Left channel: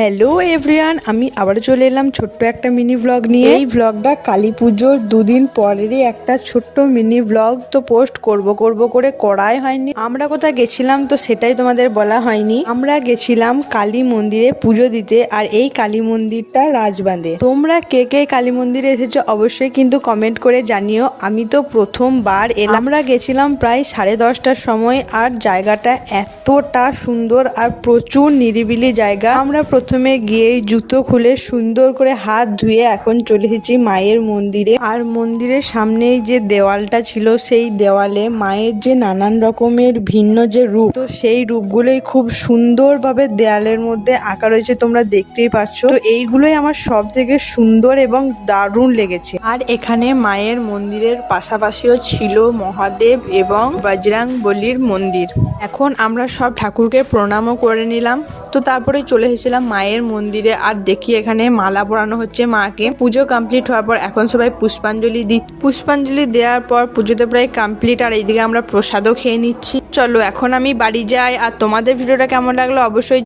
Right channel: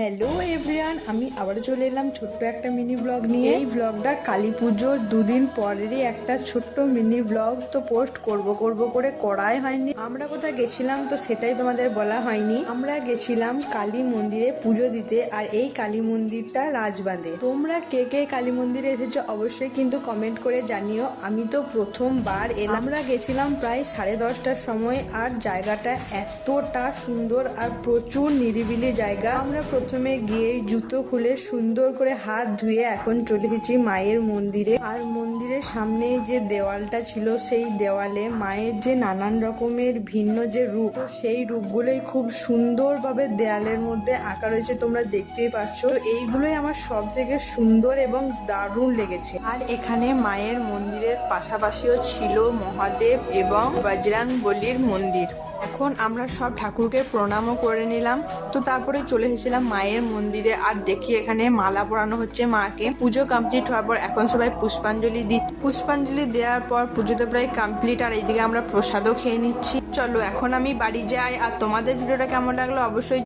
Hello everyone, আমি আবার চলে এলাম ছোট্ট একটা মিনি ব্লগ নিয়ে। এই ব্লগটা কালী পুজোর দুদিন পরেরই একটা ছোট্ট মিনি ব্লগ তো পোস্ট করব করে করাই হয়নি। আমরা কোথায় গেছিলাম তো সেটাই তোমাদের বলা হয়নি। আমরা গেছিলাম কালী মন্দিরে পুজো দিতে, আর এই কালী মন্দিরটা রাজবাঁধে। তোমরা কে কে কালী মন্দিরে এসেছো অবশ্যই কিন্তু কমেন্ট করে জানিও। আমি তো প্রথমবার এলাম। আমরা গেছিলাম প্রায় 10:30টার সময়, আর জায়গাটা এতটা সুন্দর আর প্রচুর নিরিবিলি জায়গা। আমরা প্রথমে গিয়ে জুতো খুলে সুন্দর করে হাত ধুয়ে এখন চলে এসেছি মায়ের মন্দিরে। আর মন্দিরের সামনে যে দেওয়ালটা ছিল, সেই দেওয়ালে মায়ের যে নানান রকমের ভিন্ন যে রূপ, তো সেই রূপগুলোই খুব সুন্দরভাবে দেয়ালের মধ্যে আঁকা রয়েছে, তোমরা দেখতেই পাচ্ছ। তো এইগুলোই আমার সব থেকে সুন্দর এবং দারুণ লেগেছে। আর এখানে মায়ের মন্দিরের পাশাপাশিও ছিল মহাদেব এবং বজরংবলীর মন্দির। এখন আমরা সব ঠাকুরকে প্রণামও করে নিলাম। তো তারপরে চলে এসেছিলাম মায়ের মন্দিরে, আর দেখি এখানে মালা পরানো হচ্ছে মাকে। পুজো কমপ্লিট হওয়ার পর এখন সবাই পুষ্পাঞ্জলি দেওয়ার পর পুজো তো প্রায় কমপ্লিট, আর এইদিকে আমরা প্রসাদও খেয়ে নিচ্ছি। চলো এখন আমি বাড়ি যাই। আর তোমাদের ভিডিওটা কেমন লাগলো অবশ্যই